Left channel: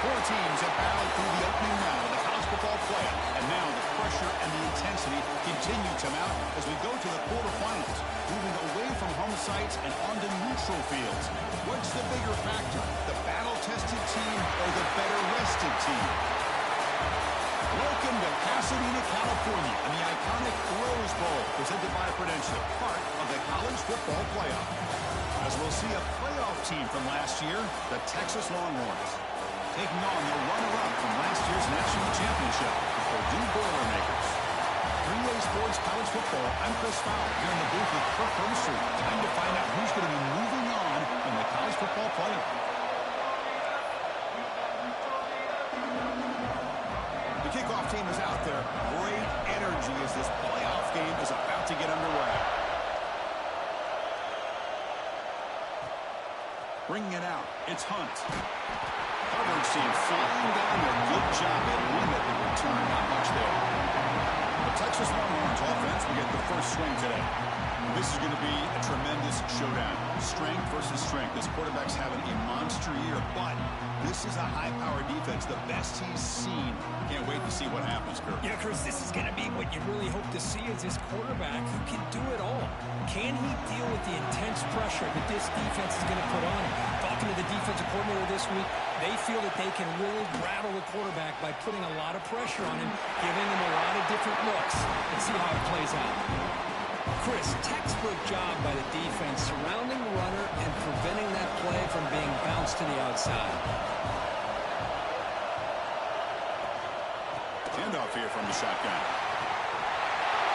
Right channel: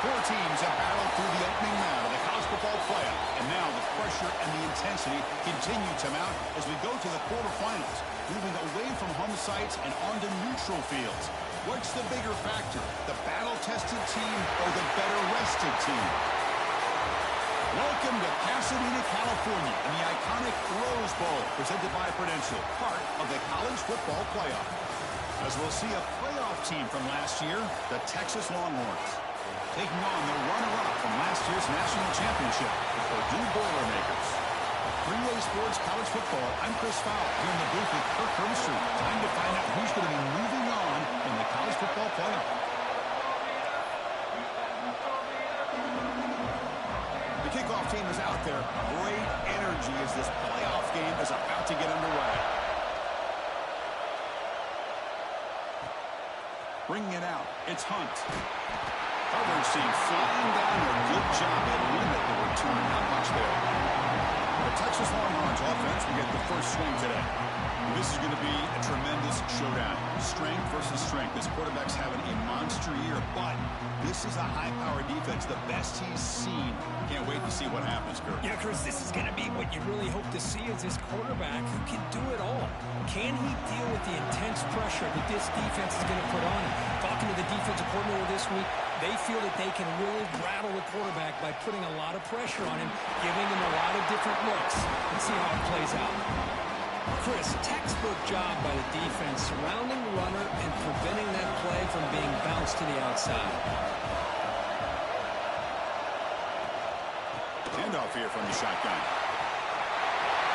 Four teams have battled through the opening round of the college football playoff, and now the pressure and the intensity continue to mount as we go to the quarterfinals, moving away from home sites and onto neutral fields. What's the bigger factor, the battle-tested team or the better-rested team? Welcome to Pasadena, California, and the iconic Rose Bowl, presented by Prudential, part of the college football playoff. As we'll see a playoff team from last year, the Texas Longhorns, taking on the runner-up from last year's national championship, the Purdue Boilermakers. 3A Sports College Football, I'm Chris Fowler, here in the booth with Kirk Hermstreet. Time to find out who's going to be moving on in the college football playoff. The kickoff team is out there. Great energy as this playoff game is about to get underway. Bringing it out, it's Hunt. Coverage team flying down there. Good job at limit the return. Not much there. The Texas Longhorns offense will get the first swing today. This is going to be a tremendous showdown. Strength versus strength. This quarterback's having a monster year, but this is a high-powered defense, the best he's seen. Can't wait to see what happens, Kurt. Yeah, Chris, this is going to be what you really hope to see is this quarterback who can do it all. Can he deal with the intense pressure that this defense is going to put on him? Talking to the defensive coordinator this week, they feel that they can really rattle the quarterback by putting a lot of pressure on him, giving him a lot of different looks. Let's see how it plays out. Chris, textbook job by the defense surrounding the runner and preventing that play from being bounced to the outside. Handoff here from the shotgun.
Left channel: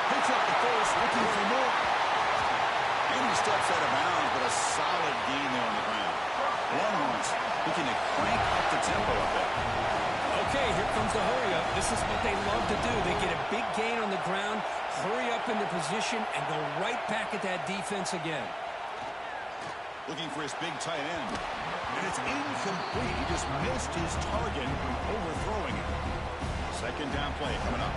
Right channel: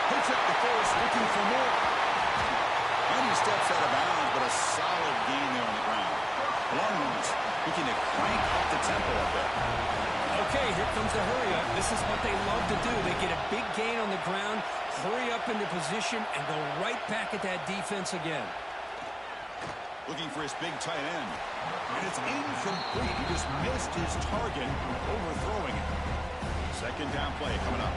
Picks up the first, looking for more. And he steps out of bounds, but a solid gain there on the ground. Longhorns looking to crank up the tempo a bit. Okay, here comes the hurry up. This is what they love to do. They get a big gain on the ground, hurry up into position, and go right back at that defense again. Looking for his big tight end. And it's incomplete. He just missed his target, overthrowing it. Second down play coming up.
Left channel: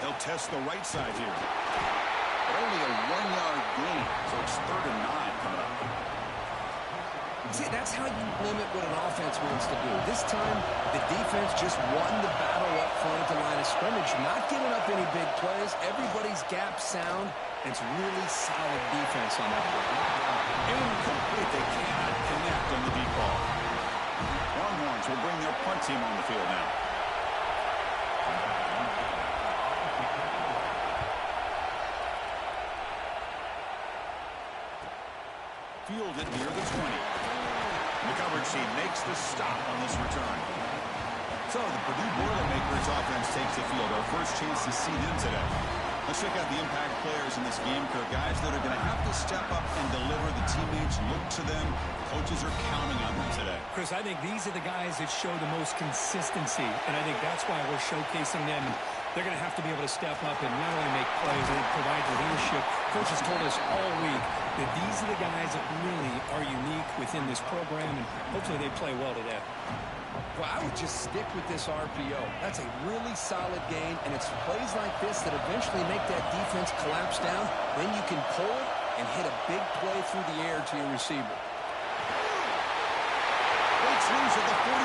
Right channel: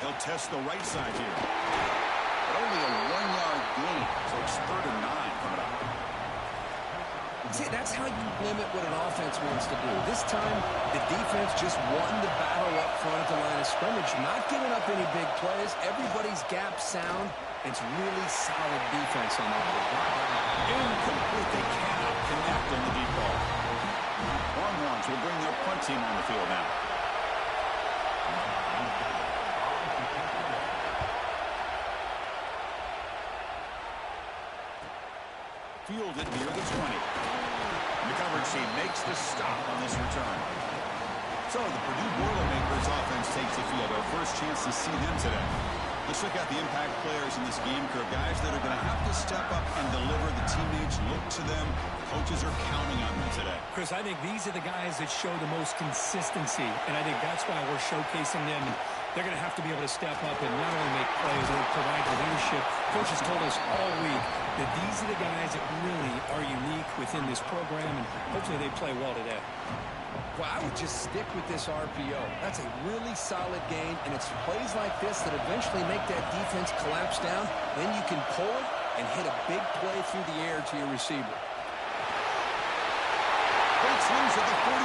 He'll test the right side here. But only a 1-yard gain, so it's 3rd and 9 coming up. See, that's how you limit what an offense wants to do. This time, the defense just won the battle up front at the line of scrimmage, not giving up any big plays. Everybody's gap sound, and it's really solid defense on that play. Incomplete. They cannot connect on the deep ball. Longhorns will bring their punt team on the field now. Fielded near the 20. And the coverage team makes the stop on this return. So the Purdue Boilermakers offense takes the field. Our first chance to see them today. Let's check out the impact players in this game, Kirk. Guys that are going to have to step up and deliver. The teammates look to them. Coaches are counting on them today. Chris, I think these are the guys that show the most consistency, and I think that's why we're showcasing them. They're going to have to be able to step up and not only make plays, they provide the leadership Coach has told us all week that these are the guys that really are unique within this program, and hopefully they play well today. Well, I would just stick with this RPO. That's a really solid game, and it's plays like this that eventually make that defense collapse down. Then you can pull it and hit a big play through the air to your receiver. Breaks loose at the 45.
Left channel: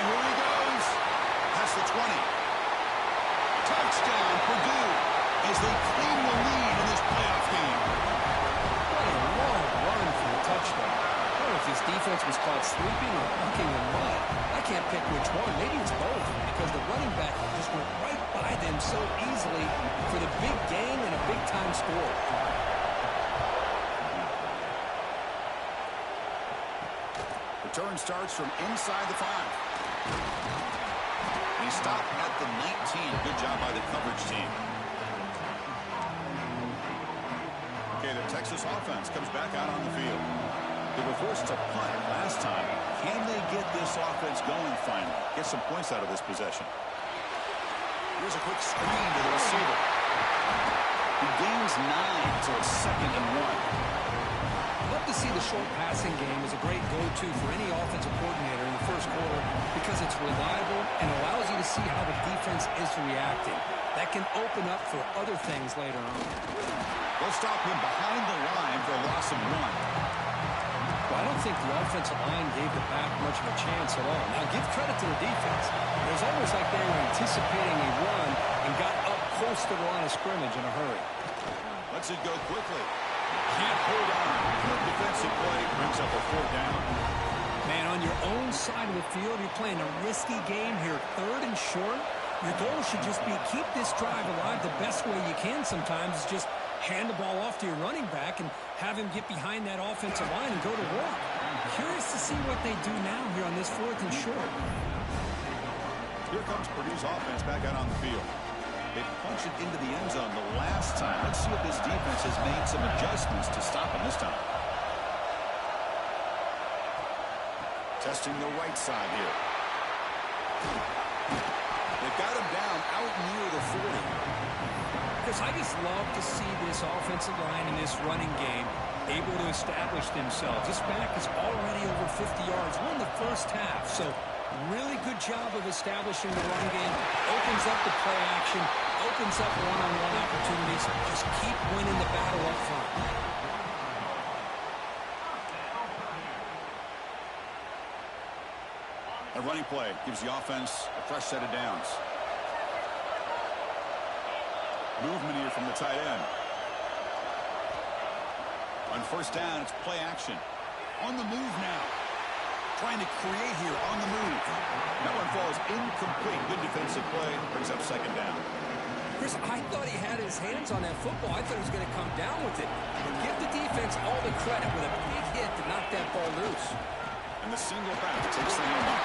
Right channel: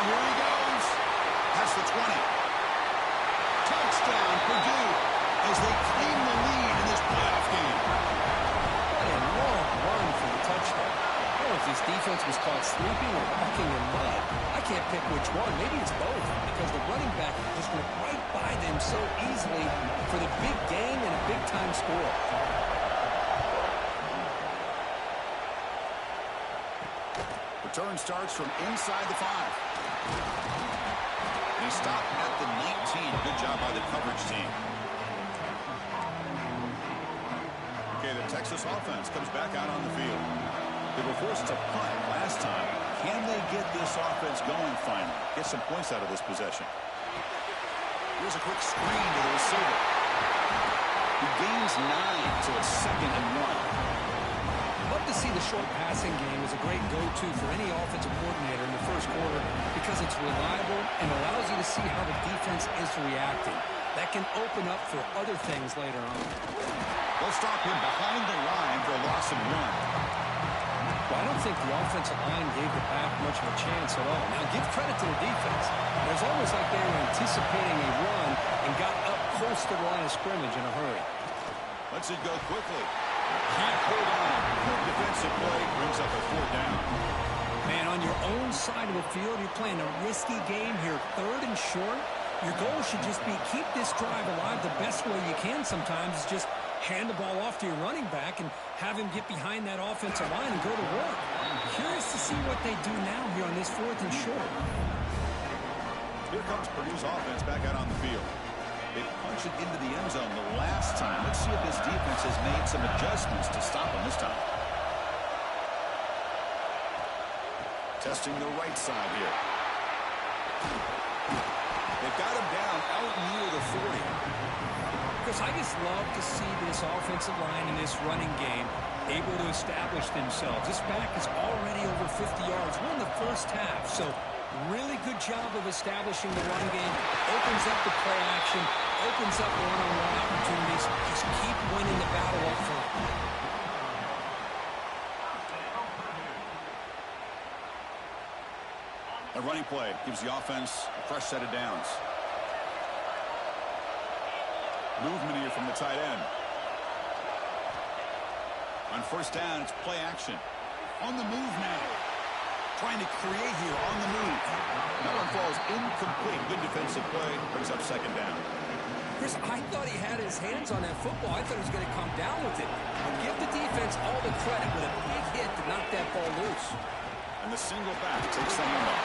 Here he goes. Past the 20. Touchdown, Purdue, as they claim the lead in this playoff game. What a long run for the touchdown. I don't know if this defense was caught sleeping or walking in mud. I can't pick which one. Maybe it's both, because the running back just went right by them so easily for the big gain and a big-time score. Return starts from inside the 5. And he stopped at the 19. Good job by the coverage team. Okay, the Texas offense comes back out on the field. They were forced to punt last time. Can they get this offense going finally? Get some points out of this possession. Here's a quick screen to the receiver. He gains 9, so it's 2nd and 1. Love to see the short passing game as a great go-to for any offensive coordinator in the first quarter because it's reliable and allows you to see how the defense is reacting. That can open up for other things later on. They'll stop him behind the line for a loss of 1. Well, I don't think the offensive line gave the back much of a chance at all. Now, give credit to the defense. It was almost like they were anticipating a run and got up close to the line of scrimmage in a hurry. Lets it go quickly. Can't hold on. Good defensive play brings up a 4th down. Man, on your own side of the field, you're playing a risky game here, 3rd and short. Your goal should just be keep this drive alive the best way you can sometimes is just hand the ball off to your running back and have him get behind that offensive line and go to work. Curious to see what they do now here on this 4th and short. Here comes Purdue's offense back out on the field. They punched it into the end zone the last time. Let's see if this defense has made some adjustments to stop them this time. Testing the right side here. They've got him down out near the 40. Chris, I just love to see this offensive line in this running game able to establish themselves. This back is already over 50 yards. We're in the first half, so really good job of establishing the run game. Opens up the play action, opens up one-on-one opportunities. Just keep winning the battle up front. A running play gives the offense a fresh set of downs. Movement here from the tight end. On 1st down, it's play action. On the move now. Trying to create here on the move. That one falls incomplete. Good defensive play. Brings up 2nd down. Chris, I thought he had his hands on that football. I thought he was going to come down with it. But give the defense all the credit with a big hit to knock that ball loose. And the single back takes the handoff.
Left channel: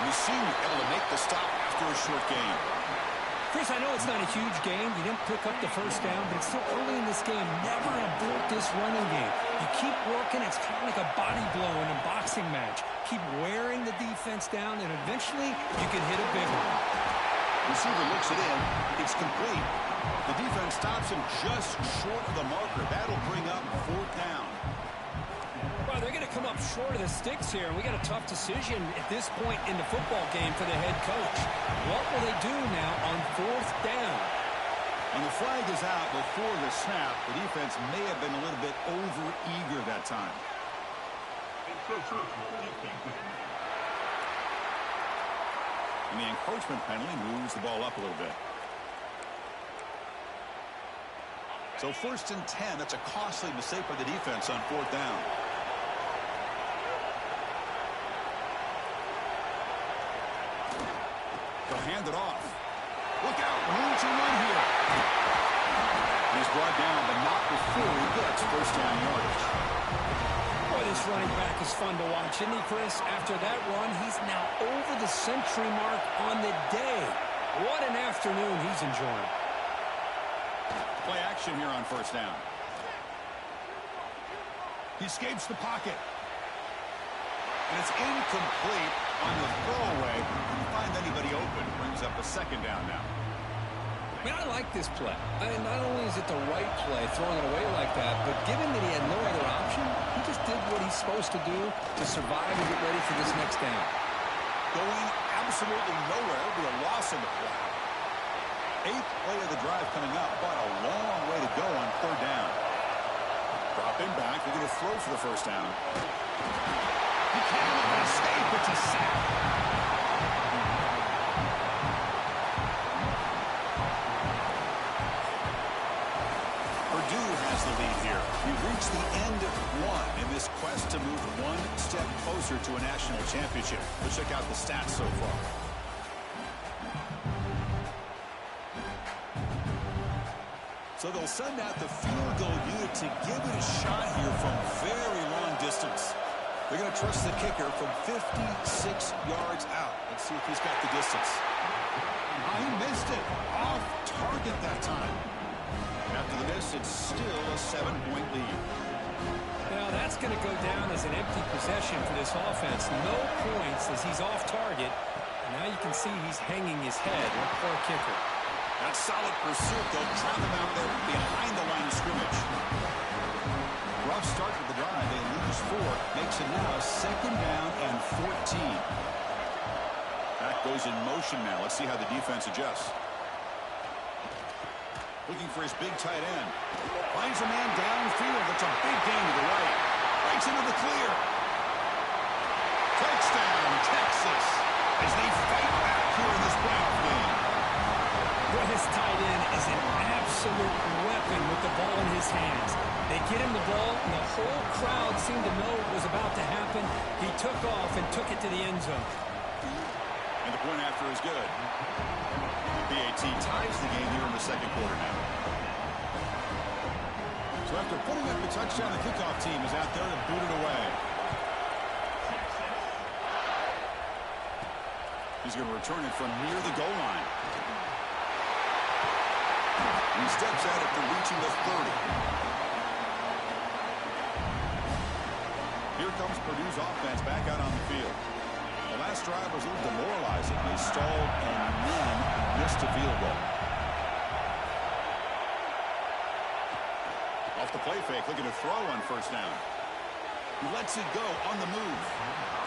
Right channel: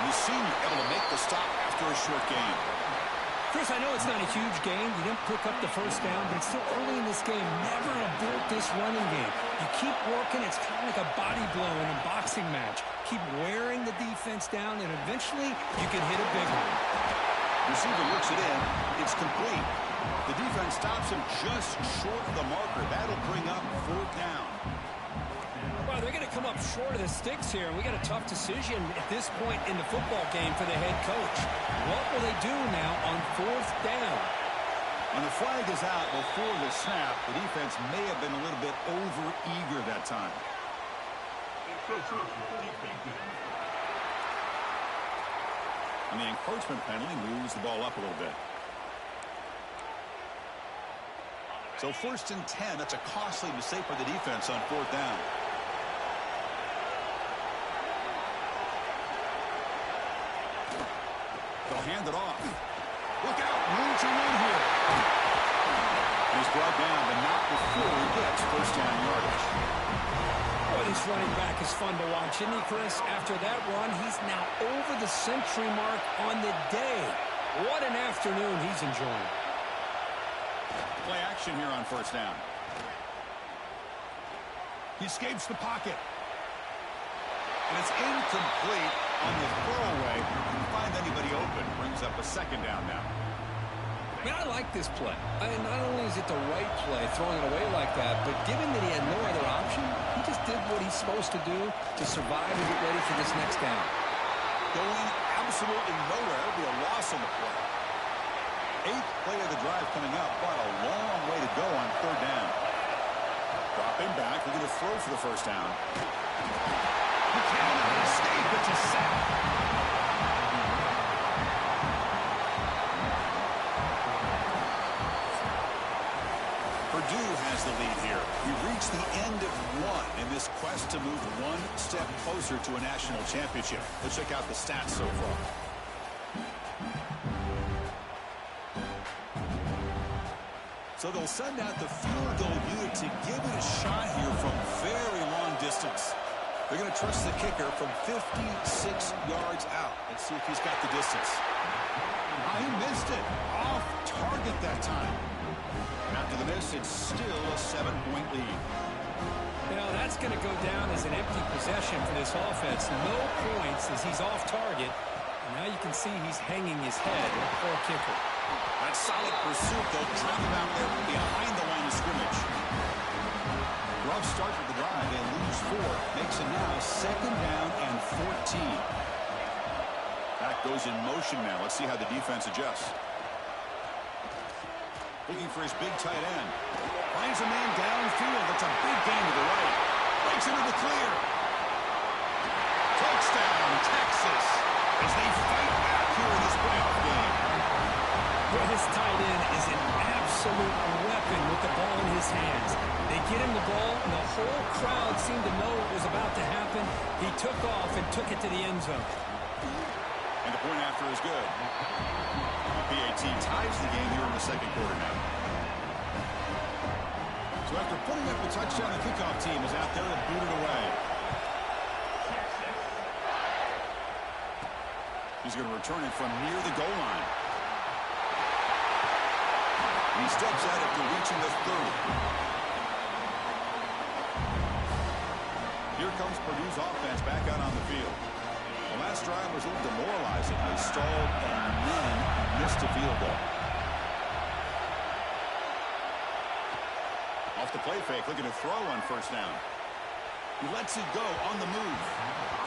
And the senior able to make the stop after a short gain. Chris, I know it's not a huge game. You didn't pick up the 1st down, but it's still early in this game. Never abort this running game. You keep working. It's kind of like a body blow in a boxing match. Keep wearing the defense down, and eventually you can hit a big one. Receiver looks it in. It's complete. The defense stops him just short of the marker. That'll bring up 4th down. Well, they're going to come up short of the sticks here, and we got a tough decision at this point in the football game for the head coach. What will they do now on 4th down? When the flag is out before the snap, the defense may have been a little bit over-eager that time. And the encroachment penalty moves the ball up a little bit. So 1st and 10, that's a costly mistake by the defense on 4th down. They'll hand it off. Look out, room to run here. And he's brought down, but not before he gets 1st down yardage. Boy, this running back is fun to watch, isn't he, Chris? After that run, he's now over the century mark on the day. What an afternoon he's enjoying. Play action here on 1st down. He escapes the pocket. And it's incomplete on the throwaway. Couldn't find anybody open. Brings up a 2nd down now. I mean, I like this play. I mean, not only is it the right play, throwing it away like that, but given that he had no other option, he just did what he's supposed to do to survive and get ready for this next down. Going absolutely nowhere. It'll be a loss on the play. 8th play of the drive coming up, but a long way to go on 3rd down. Dropping back, looking to throw for the first down. He cannot escape. It's a sack. Purdue has the lead here. We've reached the end of 1 in this quest to move 1 step closer to a national championship. Let's check out the stats so far. So they'll send out the field goal unit to give it a shot here from very long distance. They're going to trust the kicker from 56 yards out. Let's see if he's got the distance. He missed it. Off target that time. After the miss, it's still a 7-point lead. Now that's going to go down as an empty possession for this offense. No points as he's off target. And now you can see he's hanging his head. What a poor kicker. That solid pursuit. They'll trap him out there behind the line of scrimmage. Rough start to the drive. They lose 4. Makes it now 2nd down and 14. Back goes in motion now. Let's see how the defense adjusts. Looking for his big tight end. Finds a man downfield. That's a big gain to the right. Breaks into the clear. Touchdown, Texas, as they fight back here in this playoff game. Well, his tight end is an absolute weapon with the ball in his hands. They get him the ball, and the whole crowd seemed to know what was about to happen. He took off and took it to the end zone. And the point after is good. The PAT ties the game here in the 2nd quarter now. So after putting up the touchdown, the kickoff team is out there to boot it away. He's going to return it from near the goal line. And he steps out after reaching the 30. Here comes Purdue's offense back out on the field. The last drive was a little demoralizing. They stalled and then missed a field goal. Off the play fake, looking to throw on 1st down. He lets it go on the move.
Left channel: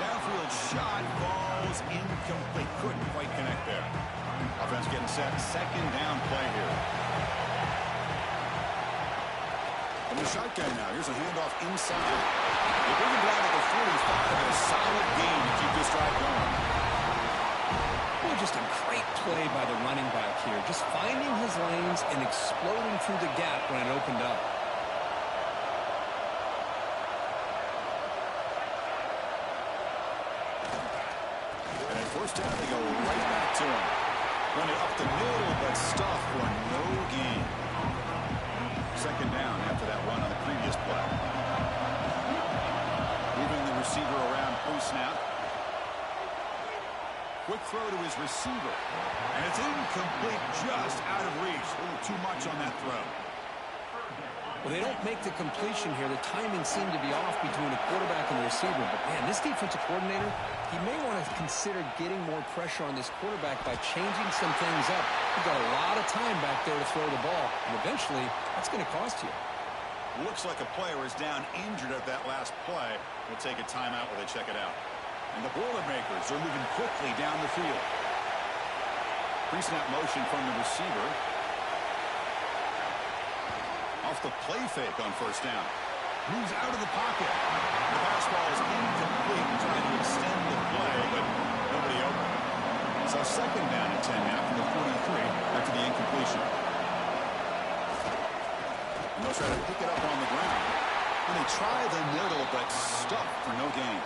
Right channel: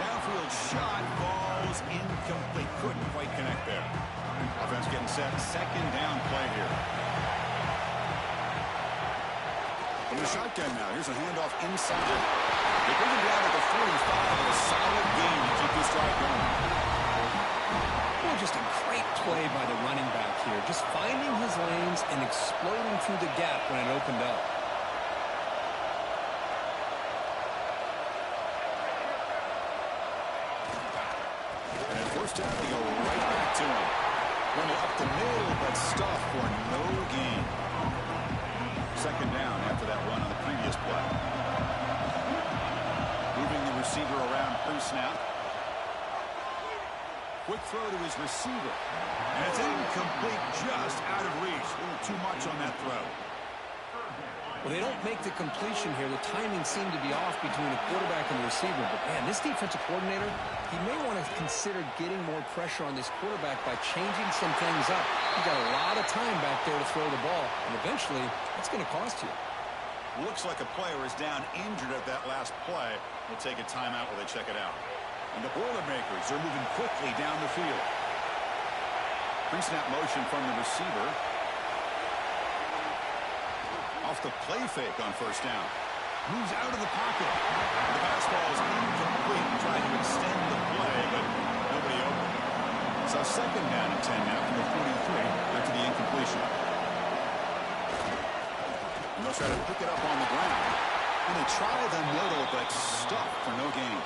Downfield shot, falls incomplete. Couldn't quite connect there. Offense getting set. 2nd down play here. From the shotgun now, here's a handoff inside. They bring him down to the 45 and a solid gain to keep this drive going. Well, just a great play by the running back here. Just finding his lanes and exploding through the gap when it opened up. And at 1st down, they go right back to him. Run it up the middle, but stuff for no gain. 2nd down after that run on the previous play. Moving the receiver around pre-snap. Quick throw to his receiver. And it's incomplete, just out of reach. A little too much on that throw. Well, they don't make the completion here. The timing seemed to be off between the quarterback and the receiver. But, man, this defensive coordinator, he may want to consider getting more pressure on this quarterback by changing some things up. He's got a lot of time back there to throw the ball. And eventually, that's going to cost you. Looks like a player is down injured at that last play. We'll take a timeout while they check it out. And the Boilermakers are moving quickly down the field. Pre-snap motion from the receiver. Off the play fake on 1st down. Moves out of the pocket. The pass ball is incomplete. Trying to extend the play, but nobody open. So 2nd down and 10 now from the 43 after the incompletion. And they'll try to pick it up on the ground. And they try the middle, but stuffed for no gain.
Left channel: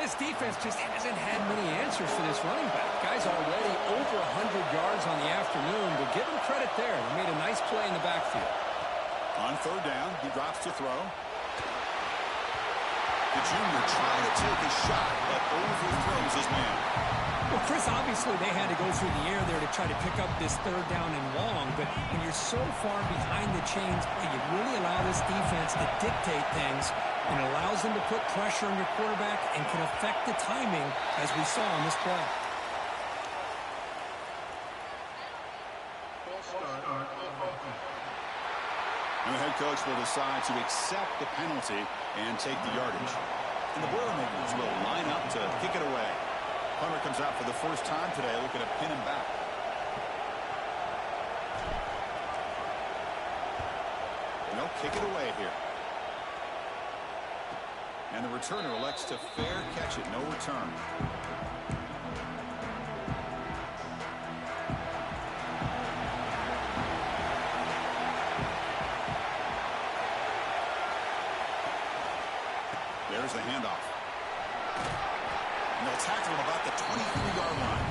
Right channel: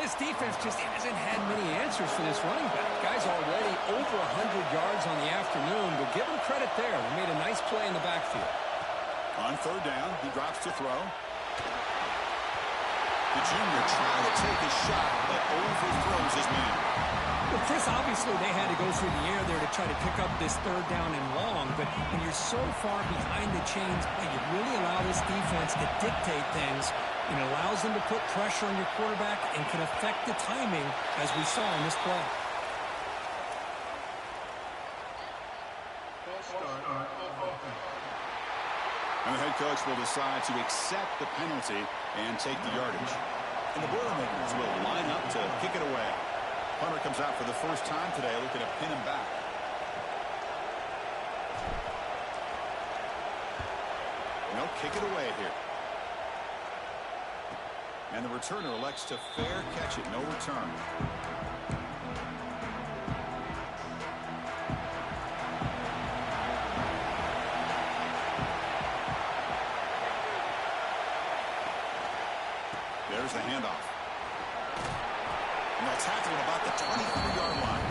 This defense just hasn't had many answers for this running back. Guy's already over 100 yards on the afternoon, but give him credit there. They made a nice play in the backfield. On 3rd down, he drops to throw. The junior trying to take a shot, but overthrows his man. Well, Chris, obviously they had to go through the air there to try to pick up this 3rd down and long, but when you're so far behind the chains, boy, you really allow this defense to dictate things, and it allows them to put pressure on your quarterback and can affect the timing, as we saw on this play. And the head coach will decide to accept the penalty and take the yardage. And the Boilermakers will line up to kick it away. Punter comes out for the first time today, looking to pin him back. And they'll kick it away here. And the returner elects to fair catch it. No return. There's the handoff. And they'll tackle him about the 23-yard line.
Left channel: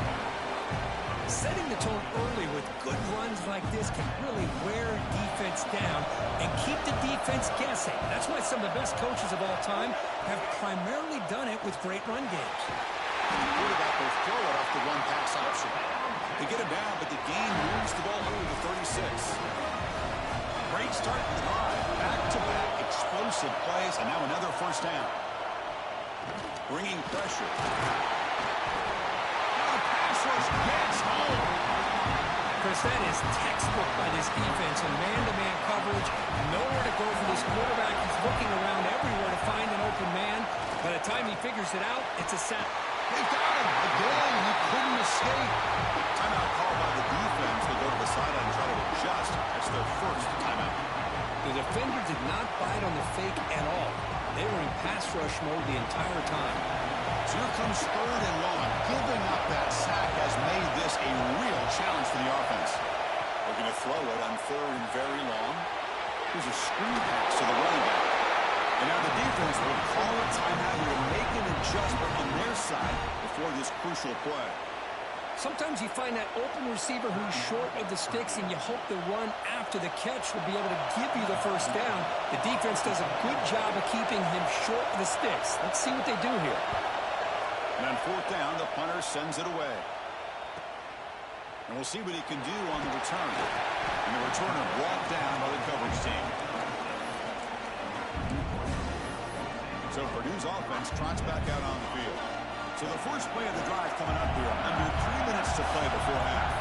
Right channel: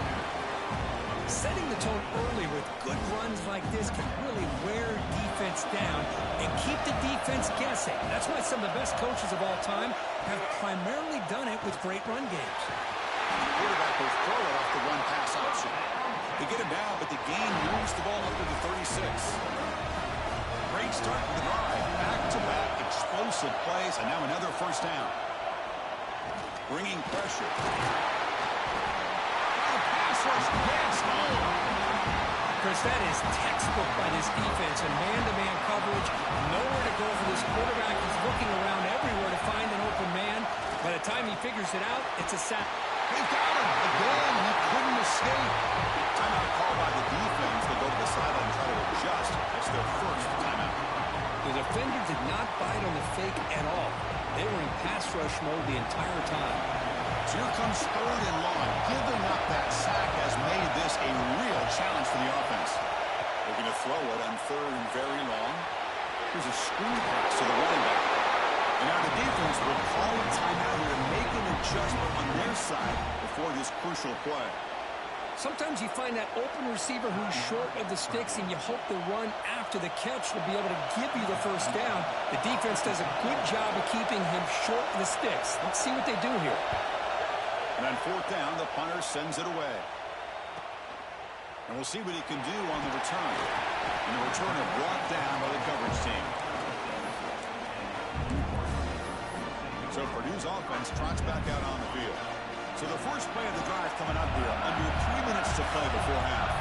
Setting the tone early with good runs like this can really wear defense down and keep the defense guessing. That's why some of the best coaches of all time have primarily done it with great run games. The quarterback will throw it off the one-pass option. They get him down, but the gain moves the ball up to the 36. Great start to the drive. Back-to-back explosive plays, and now another first down. Bringing pressure. Now the pass rush gets home. Chris, that is textbook by this defense and man-to-man coverage. Nowhere to go for this quarterback. He's looking around everywhere to find an open man. By the time he figures it out, it's a sack. They've got him again. He couldn't escape. Timeout called by the defense. They'll go to the sideline and try to adjust. That's their first timeout. The defender did not bite on the fake at all. They were in pass rush mode the entire time. So here comes 3rd and long. Giving up that sack has made this a real challenge for the offense. Looking to throw it on 3rd and very long. Here's a screen pass to the running back. And now the defense will call a timeout here to make an adjustment on their side before this crucial play. Sometimes you find that open receiver who's short of the sticks, and you hope the run after the catch will be able to give you the first down. The defense does a good job of keeping him short of the sticks. Let's see what they do here. And on 4th down, the punter sends it away. And we'll see what he can do on the return. And the returner brought down by the coverage team. So Purdue's offense trots back out on the field. So the first play of the drive coming up here. Under 3 minutes to play before half.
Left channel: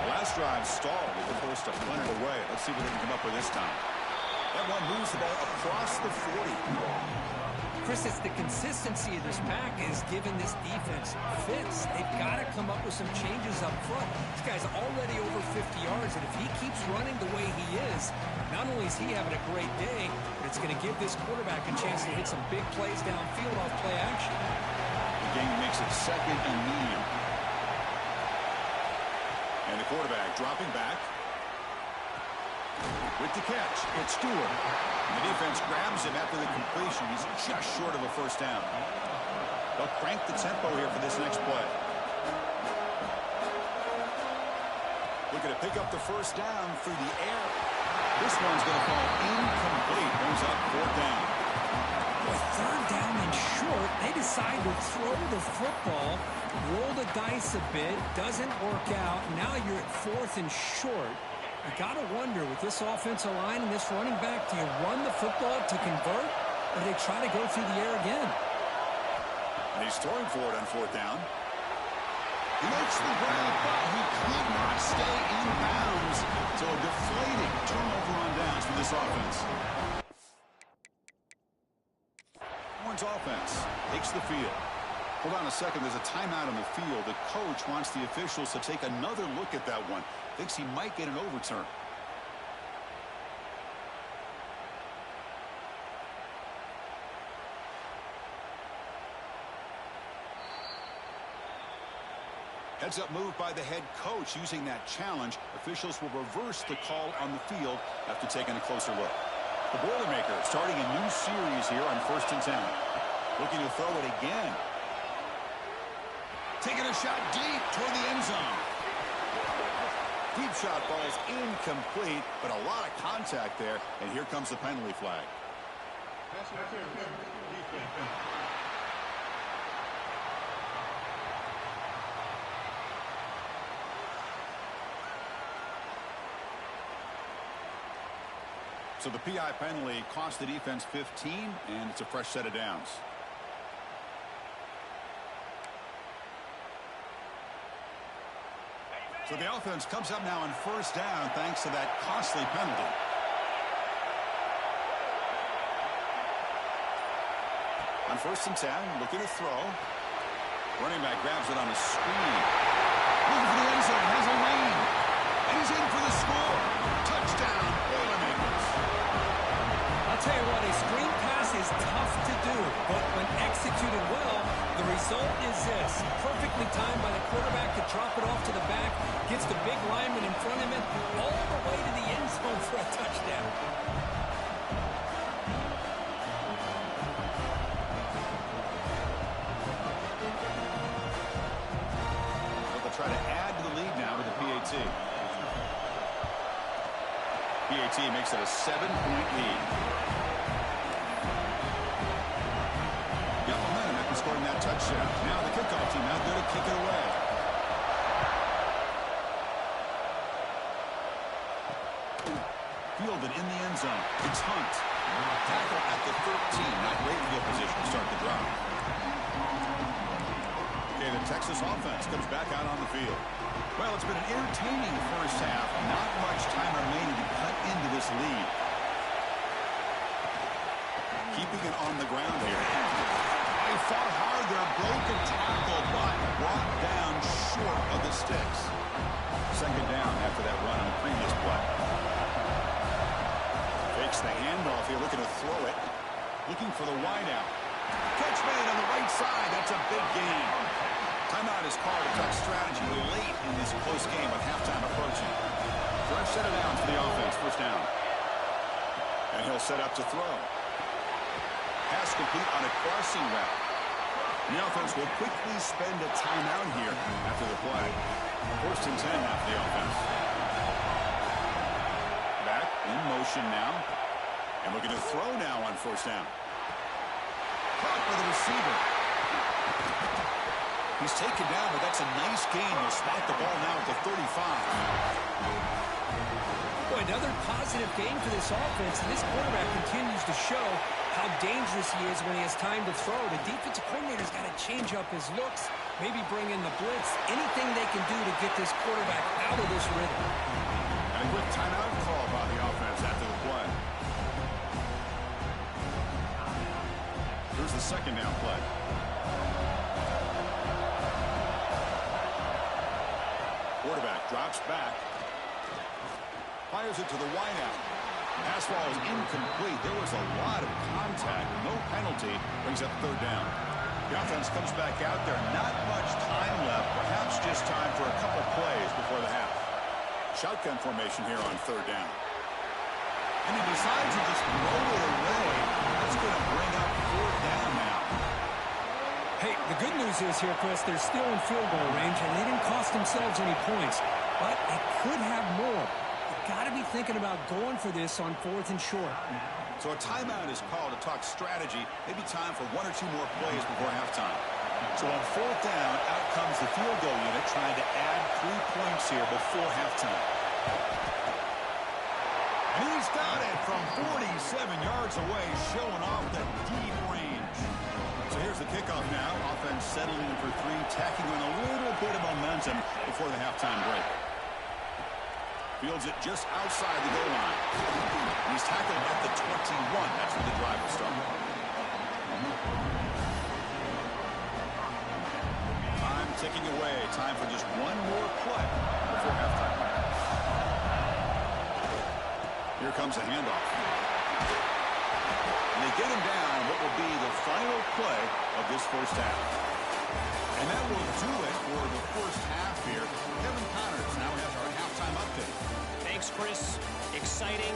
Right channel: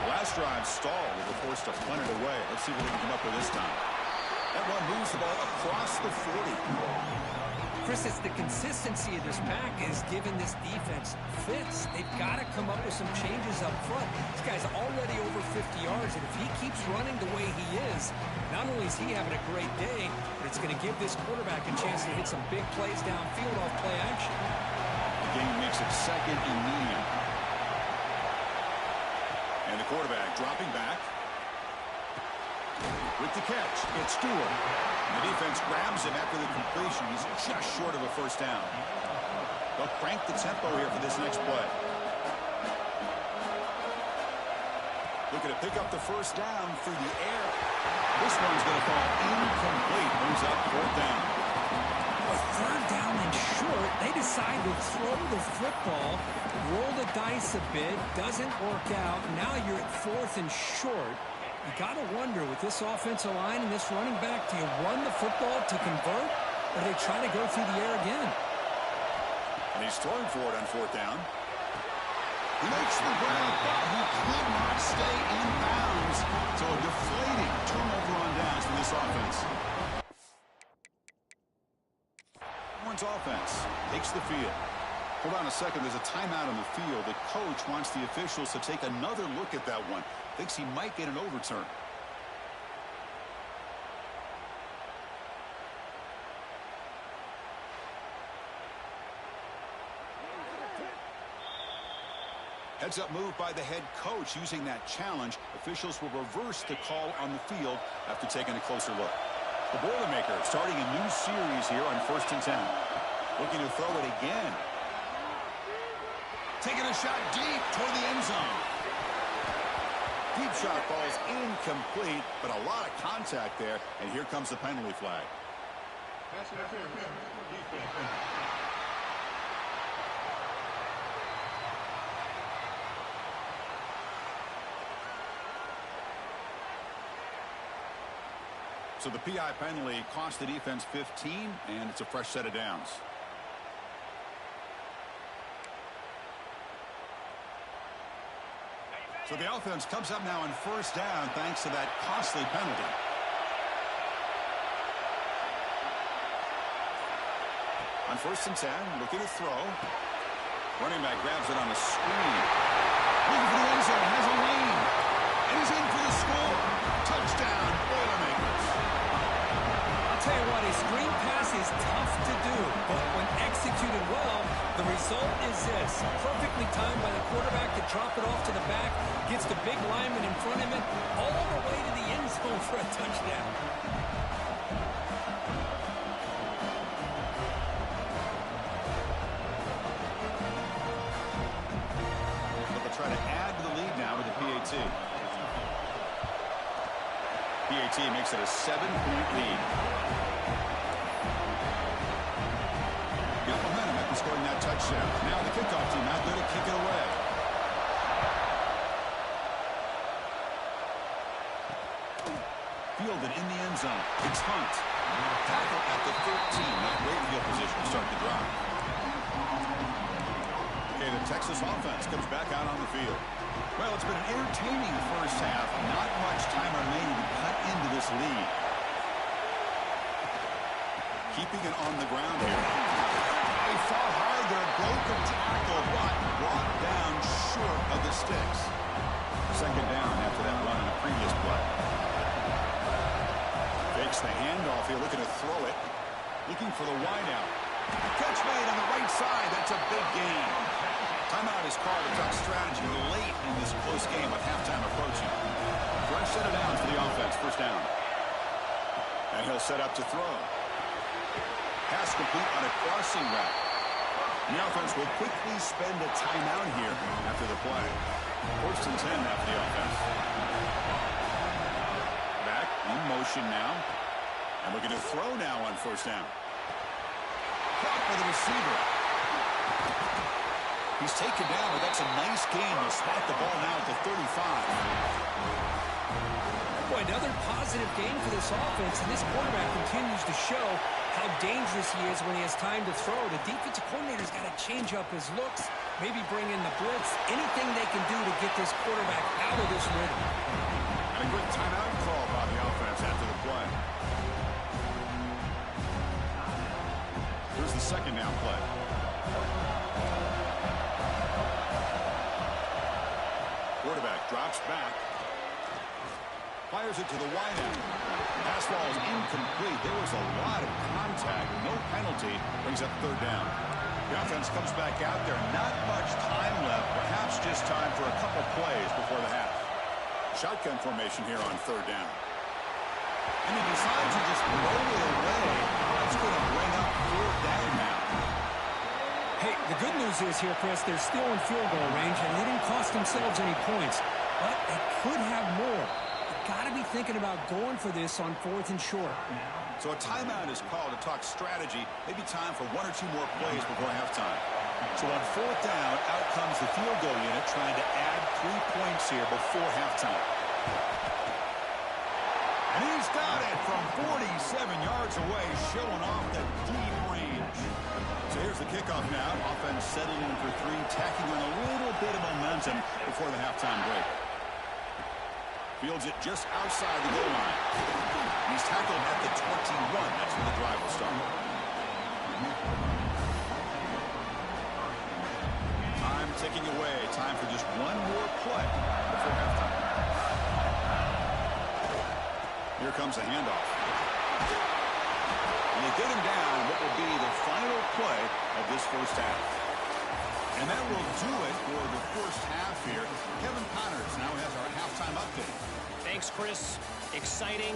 The last drive stalled. They were forced to punt it away. Let's see what they can come up with this time. That one moves the ball across the 40. Chris, it's the consistency of this pack is giving this defense fits. They've got to come up with some changes up front. This guy's already over 50 yards, and if he keeps running the way he is, not only is he having a great day, but it's going to give this quarterback a chance to hit some big plays downfield off play action. The game makes it 2nd and medium. And the quarterback dropping back. With the catch, it's Stewart. And the defense grabs him after the completion. He's just short of a first down. They'll crank the tempo here for this next play. Looking to pick up the first down through the air. This one's going to fall incomplete. Brings up 4th down. Boy, 3rd down and short. They decide to throw the football, roll the dice a bit. Doesn't work out. Now you're at 4th and short. You got to wonder, with this offensive line and this running back, do you run the football to convert, or do they try to go through the air again? And he's throwing for it on 4th down. He makes the grab, but he could not stay in bounds. So a deflating turnover on downs for this offense. Horns offense takes the field. Hold on a second. There's a timeout on the field. The coach wants the officials to take another look at that one. Thinks he might get an overturn. Heads up move by the head coach using that challenge. Officials will reverse the call on the field after taking a closer look. The Boilermakers starting a new series here on 1st and 10. Looking to throw it again. Taking a shot deep toward the end zone. Deep shot ball's incomplete, but a lot of contact there, and here comes the penalty flag. So the PI penalty cost the defense 15, and it's a fresh set of downs. So the offense comes up now on first down thanks to that costly penalty. On 1st and 10, looking to throw. Running back grabs it on a screen. Looking for the end zone, has a lane. And he's in for the score. Touchdown, Boilermakers. I'll tell you what, a screen pass is tough to do, but when executed well, the result is this. Perfectly timed by the quarterback to drop it off to the back, gets the big lineman in front of him, all the way to the end zone for a touchdown. Try to add to the lead now with the PAT. PAT makes it a 7-point lead. Got momentum after scoring that touchdown. Now the kickoff team out there to kick it away. Fielded in the end zone. It's Hunt. Tackle at the 13. Not great field position to start the drive. Okay, the Texas offense comes back out on the field. Well, it's been an entertaining first half. Not much time remaining to cut into this lead. Keeping it on the ground here. He fought hard there, broke a tackle, but brought down short of the sticks. 2nd down after that run on the previous play. Fakes the handoff here, looking to throw it. Looking for the wideout. Catch made on the right side. That's a big gain. Timeout is called to talk strategy late in this close game with halftime approaching. Fresh set of downs for the offense. 1st down. And he'll set up to throw. Pass complete on a crossing route. The offense will quickly spend a timeout here after the play. 1st and 10 now for the offense. Back in motion now. And looking to throw now on 1st down. Caught by the receiver. He's taken down, but that's a nice gain. They'll spot the ball now at the 35. Boy, another positive gain for this offense, and this quarterback continues to show how dangerous he is when he has time to throw. The defensive coordinator's got to change up his looks, maybe bring in the blitz, anything they can do to get this quarterback out of this rhythm. And a quick timeout call by the offense after the play. Here's the 2nd down play. Quarterback drops back. Fires it to the wideout. Pass ball is incomplete. There was a lot of contact. No penalty. Brings up 3rd down. The offense comes back out there. Not much time left. Perhaps just time for a couple plays before the half. Shotgun formation here on 3rd down. And he decides to just roll it away. That's going to bring up 4th down now. Hey, the good news is here, Chris, they're still in field goal range, and they didn't cost themselves any points. But they could have more. You've got to be thinking about going for this on 4th and short. So a timeout is called to talk strategy. Maybe time for 1 or 2 more plays before halftime. So on 4th down, out comes the field goal unit trying to add 3 points here before halftime. And he's got it from 47 yards away, showing off the deep range. So here's the kickoff now. Offense settling in for 3, tacking on a little bit of momentum before the halftime break. Fields it just outside the goal line. He's tackled at the 21. That's where the drive will start. Time ticking away. Time for just 1 more play before halftime. Here comes a handoff. And they get him down what will be the final play of this first half. And that will do it for the first half here. Kevin Connors now has our halftime update. Thanks, Chris. Exciting,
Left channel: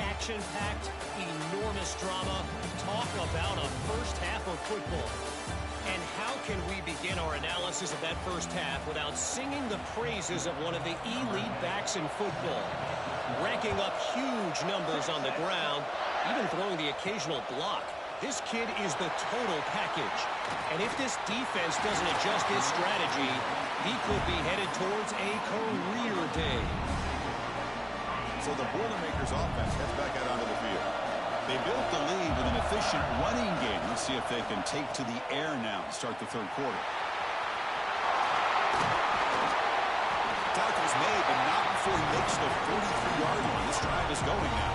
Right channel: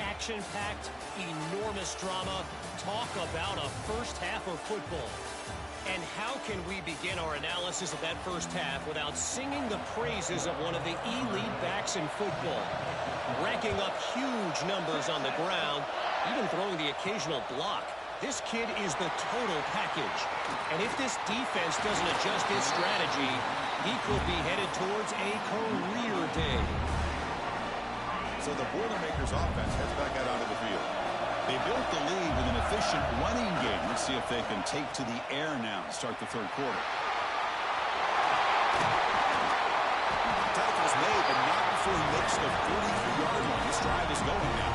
action-packed, enormous drama. Talk about a first half of football. And how can we begin our analysis of that first half without singing the praises of one of the elite backs in football? Racking up huge numbers on the ground, even throwing the occasional block. This kid is the total package. And if this defense doesn't adjust his strategy, he could be headed towards a career day. So the Boilermakers offense heads back out onto the field. They built the lead with an efficient running game. Let's see if they can take to the air now to start the 3rd quarter. Tackles but not before he makes the 43-yard line. This drive is going now.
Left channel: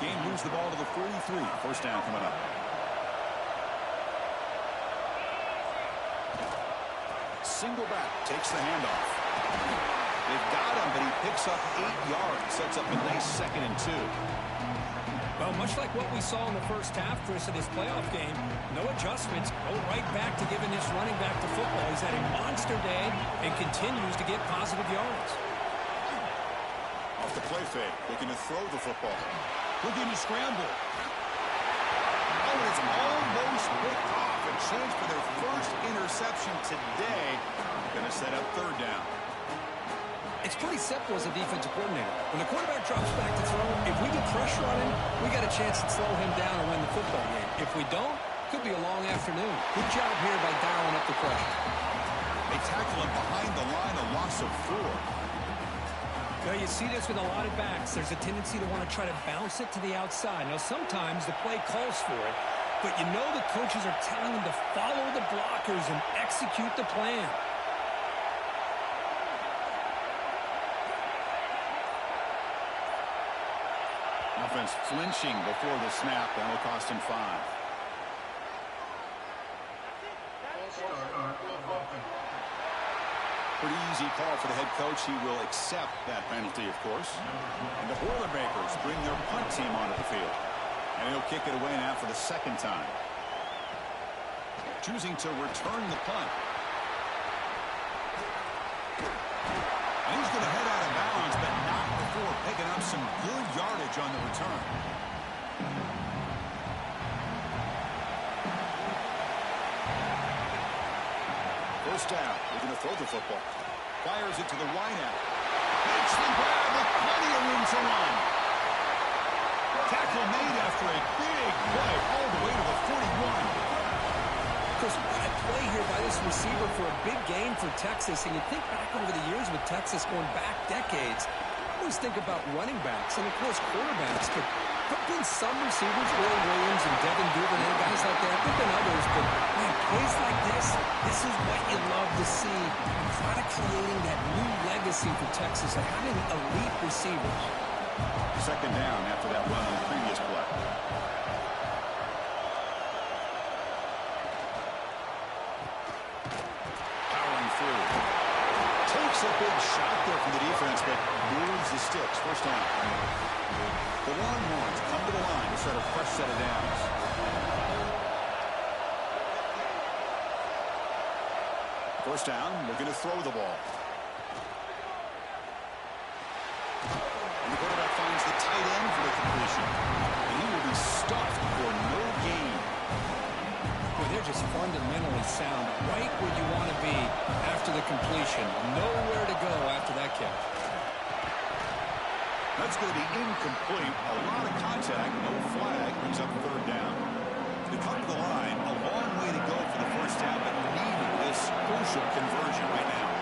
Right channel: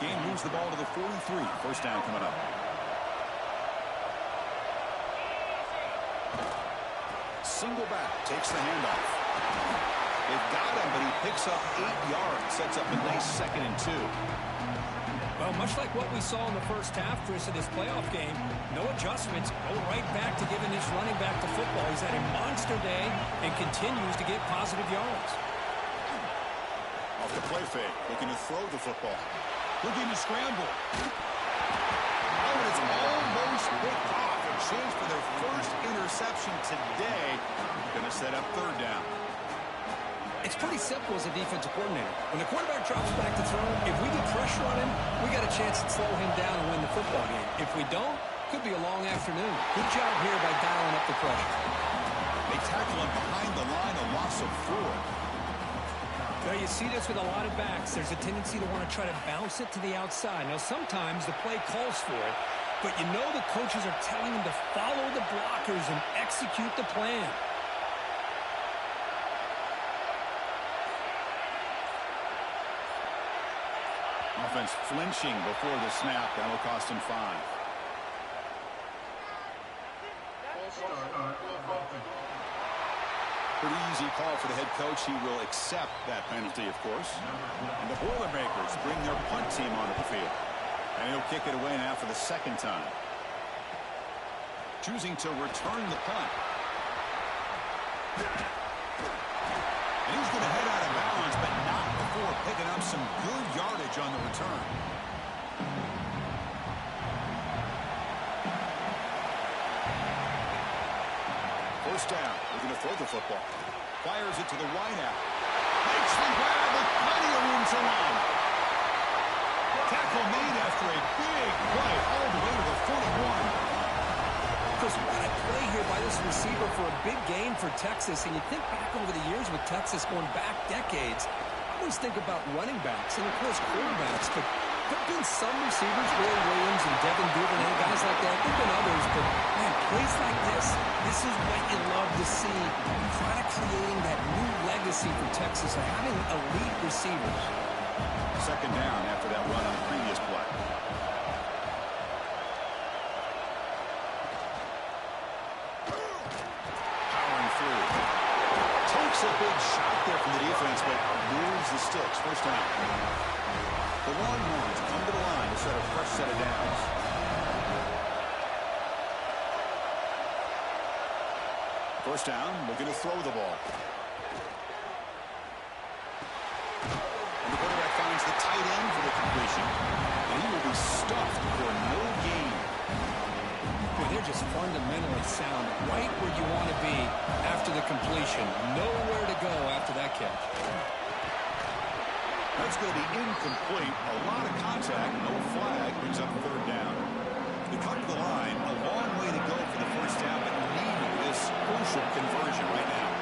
Game moves the ball to the 43. First down coming up. Single back, takes the handoff. They've got him, but he picks up 8 yards. Sets up a nice 2nd and 2. Well, much like what we saw in the first half, Chris, of this playoff game, no adjustments, go right back to giving this running back to football. He's had a monster day and continues to get positive yards. Off the play fake, looking to throw the football. Looking to scramble. Oh, and it's almost picked off. A chance for their first interception today. Going to set up 3rd down. It's pretty simple as a defensive coordinator. When the quarterback drops back to throw, if we get pressure on him, we got a chance to slow him down and win the football game. If we don't, could be a long afternoon. Good job here by dialing up the pressure. They tackle him behind the line, a loss of 4. Now, you see this with a lot of backs. There's a tendency to want to try to bounce it to the outside. Now, sometimes the play calls for it, but you know the coaches are telling them to follow the blockers and execute the plan. Offense flinching before the snap. That'll cost him 5. Pretty easy call for the head coach. He will accept that penalty, of course. And the Boilermakers bring their punt team onto the field. And he'll kick it away now for the 2nd time. Choosing to return the punt. And he's going to head out of bounds, but not before picking up some good yardage on the return. First down. We're going to throw the football. Fires it to the wideout. Makes the grab with plenty of room to run. Tackle made after a big play all the way to the 41. Chris, what a play here by this receiver for a big gain for Texas. And you think back over the years with Texas going back decades, I always think about running backs and, of course, quarterbacks. But there have been some receivers, Roy Williams and Devin Duvernay, guys like that. There have been others, but, man, plays like this is what you love to see. And kind of creating that new legacy for Texas of having elite receivers. 2nd down after that run on the previous play. Through. Takes a big shot there from the defense, but moves the sticks. First down. The Longhorns come to the line to set a fresh set of downs. First down, looking to throw the ball. And the quarterback finds the tight end for the completion. And he will be stuffed for no gain. Boy, they're just fundamentally sound, right where you want to be after the completion. Nowhere to go after that catch. That's going to be incomplete. A lot of contact, no flag, brings up 3rd down. They come to the line, a long way to go for the first down, but needing this crucial conversion right now.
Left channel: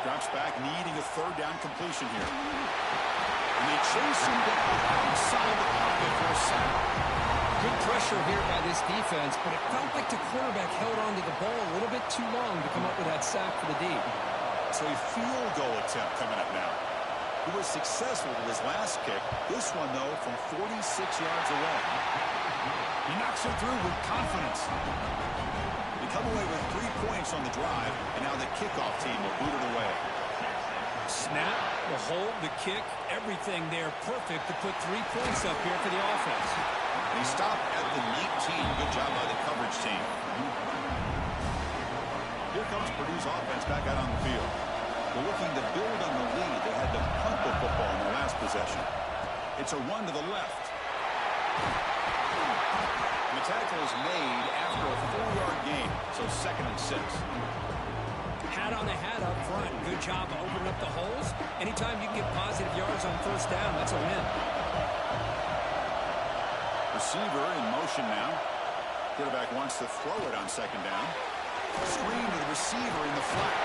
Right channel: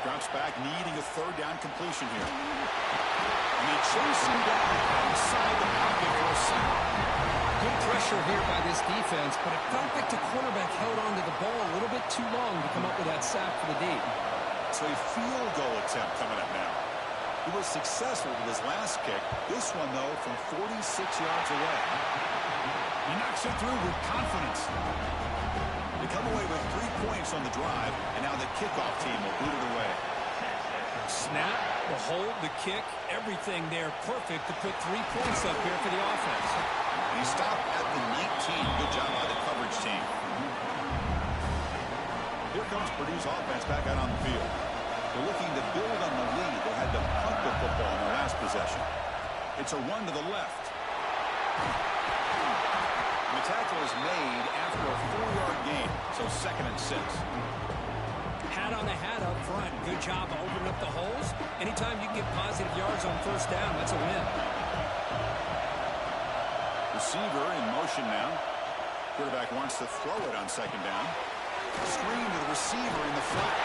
Drops back, needing a 3rd down completion here. And they chase him down outside the pocket for a sack. Good pressure here by this defense, but it felt like the quarterback held on to the ball a little bit too long to come up with that sack for the D. So a field goal attempt coming up now. He was successful with his last kick. This one, though, from 46 yards away. He knocks it through with confidence. They come away with 3 points on the drive, and now the kickoff team will boot it away. Snap, the hold, the kick, everything there perfect to put 3 points up here for the offense. And he stopped at the 19. Good job by the coverage team. Here comes Purdue's offense back out on the field. They're looking to build on the lead. They had to punt the football in their last possession. It's a run to the left. And the tackle is made after a 4-yard gain, so 2nd and 6. Hat on a hat up front. Good job of opening up the holes. Anytime you can get positive yards on first down, that's a win. Receiver in motion now. Quarterback wants to throw it on 2nd down. Screen to the receiver in the flat.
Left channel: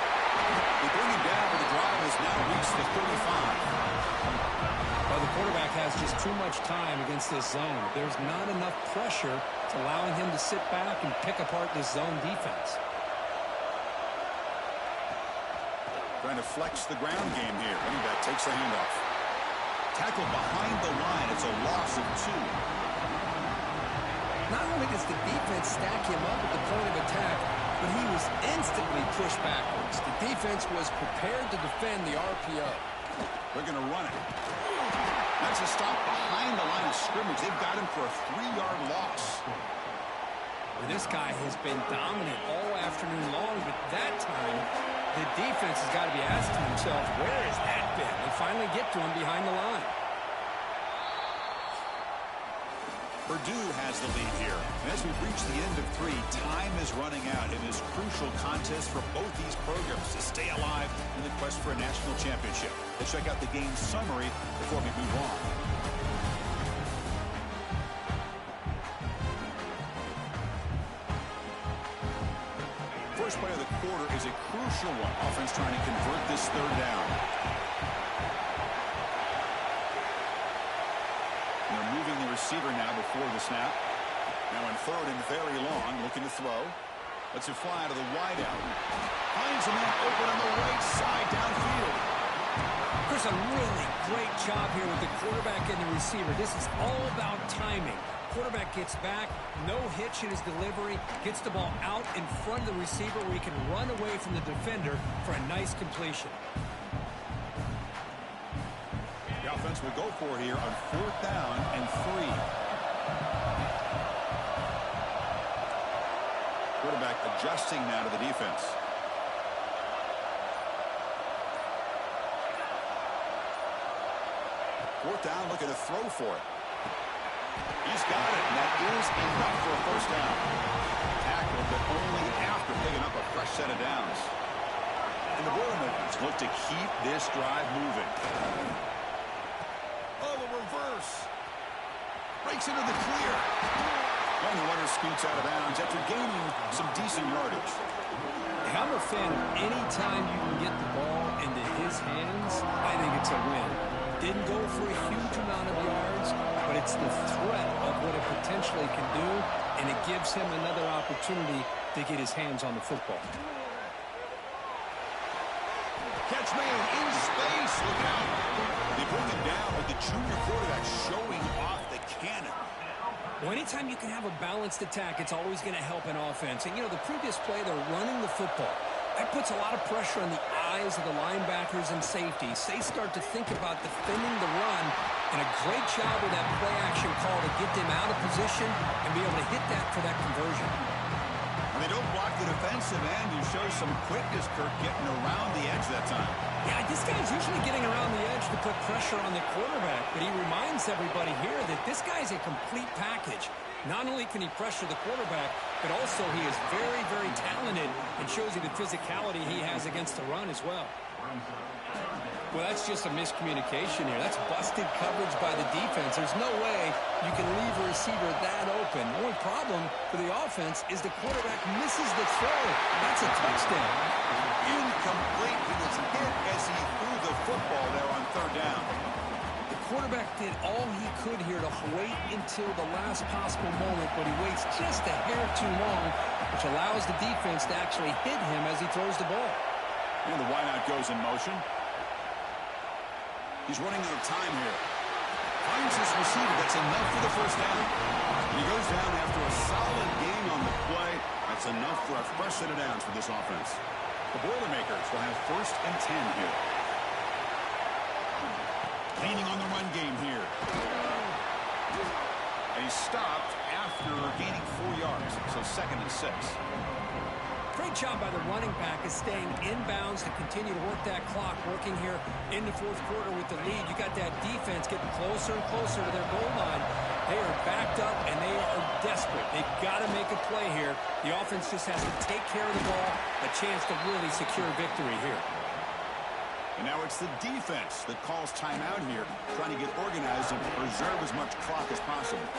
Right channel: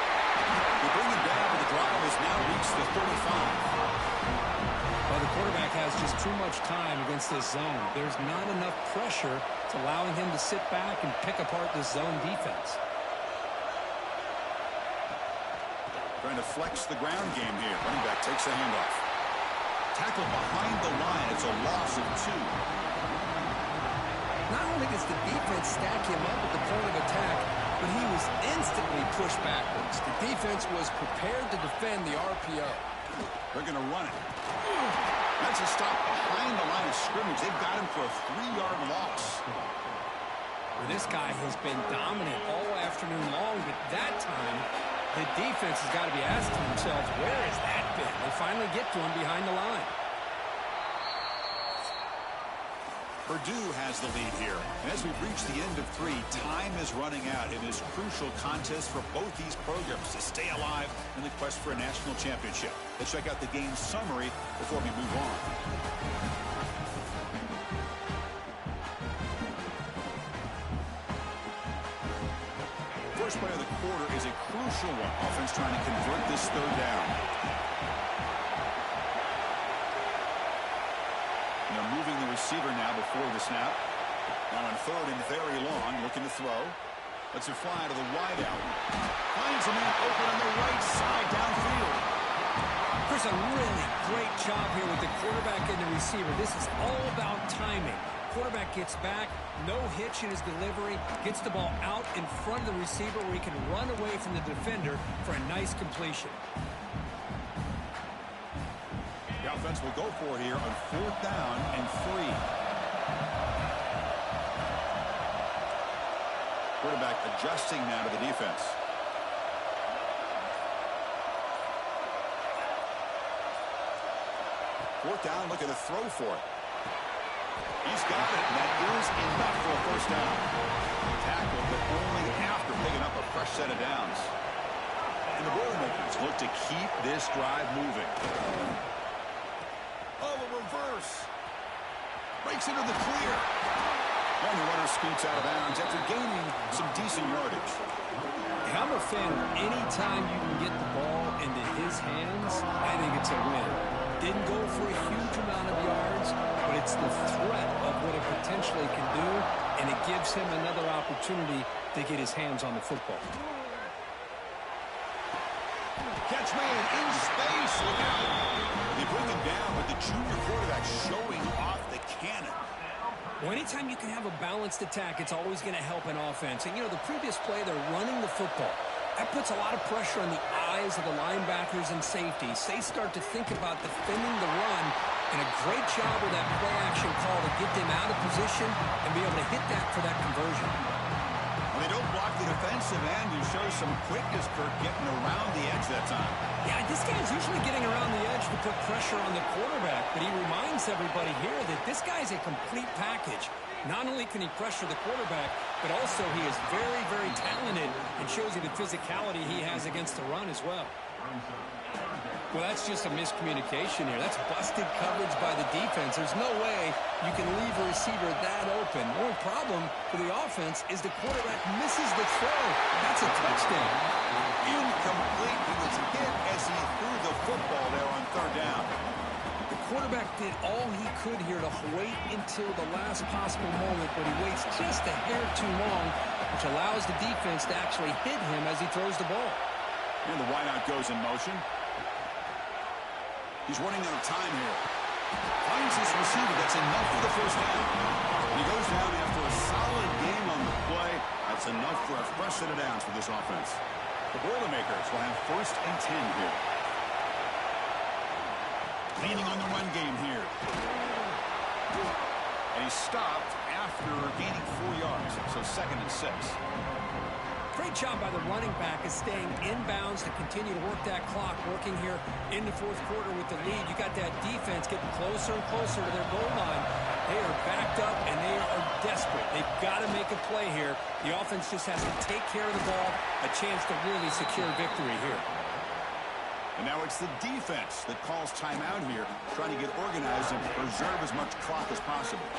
They bring him down, but the drive has now reached the 35. Well, the quarterback has just too much time against this zone. There's not enough pressure. It's allowing him to sit back and pick apart this zone defense. Trying to flex the ground game here. Running back takes the handoff. Tackled behind the line. It's a loss of 2. Not only does the defense stack him up at the point of attack, but he was instantly pushed backwards. The defense was prepared to defend the RPO. They're going to run it. That's a stop behind the line of scrimmage. They've got him for a 3-yard loss. Well, this guy has been dominant all afternoon long, but that time, the defense has got to be asking themselves, where has that been? They finally get to him behind the line. Purdue has the lead here. And as we reach the end of 3, time is running out in this crucial contest for both these programs to stay alive in the quest for a national championship. Let's check out the game summary before we move on. First play of the quarter is a crucial one. Offense trying to convert this 3rd down. And they're moving the receiver now before the snap. Now in 3rd and very long, looking to throw. Lets it fly to the wide out. Finds a man open on the right side downfield. Chris, a really great job here with the quarterback and the receiver. This is all about timing. Quarterback gets back, no hitch in his delivery, gets the ball out in front of the receiver where he can run away from the defender for a nice completion. The offense will go for it here on 4th down and 3. Quarterback adjusting now to the defense. Fourth down, looking to throw for it. He's got it, and that is enough for a 1st down. Tackled, but only after picking up a fresh set of downs. And the Boilermakers look to keep this drive moving. Oh, a reverse. Breaks into the clear. And the runner scoots out of bounds after gaining some decent yardage. I'm a fan of any time you can get the ball into his hands, I think it's a win. Didn't go for a huge amount of yards, but it's the threat of what it potentially can do, and it gives him another opportunity to get his hands on the football. Catch man in space. Look out. They bring him down, but the junior quarterback showing off the cannon. Well, anytime you can have a balanced attack, it's always going to help an offense. And, you know, the previous play, they're running the football. That puts a lot of pressure on the eyes of the linebackers and safeties. They start to think about defending the run, and a great job with that play-action call to get them out of position and be able to hit that for that conversion. Well, they don't block the defensive end. You show some quickness, Kirk, getting around the edge that time. Yeah, this guy's usually getting around the edge to put pressure on the quarterback, but he reminds everybody here that this guy's a complete package. Not only can he pressure the quarterback, but also he is very, very talented and shows you the physicality he has against the run as well. Well, that's just a miscommunication here. That's busted coverage by the defense. There's no way you can leave a receiver that open. The only problem for the offense is the quarterback misses the throw. That's a touchdown. Incomplete. He was hit as he threw the football there on 3rd down. The quarterback did all he could here to wait until the last possible moment, but he waits just a hair too long, which allows the defense to actually hit him as he throws the ball. And the wideout goes in motion. He's running out of time here. Finds his receiver. That's enough for the 1st down. And he goes down after a solid game on the play. That's enough for a fresh set of downs for this offense. The Boilermakers will have 1st and 10 here. Leaning on the run game here. And he stopped after gaining 4 yards. So 2nd and 6. Great job by the running back is staying inbounds to continue to work that clock, working here in the 4th quarter with the lead. You got that defense getting closer and closer to their goal line. They are backed up, and they are desperate. They've got to make a play here. The offense just has to take care of the ball, a chance to really secure victory here. And now it's the defense that calls timeout here, trying to get organized and preserve as much clock as possible.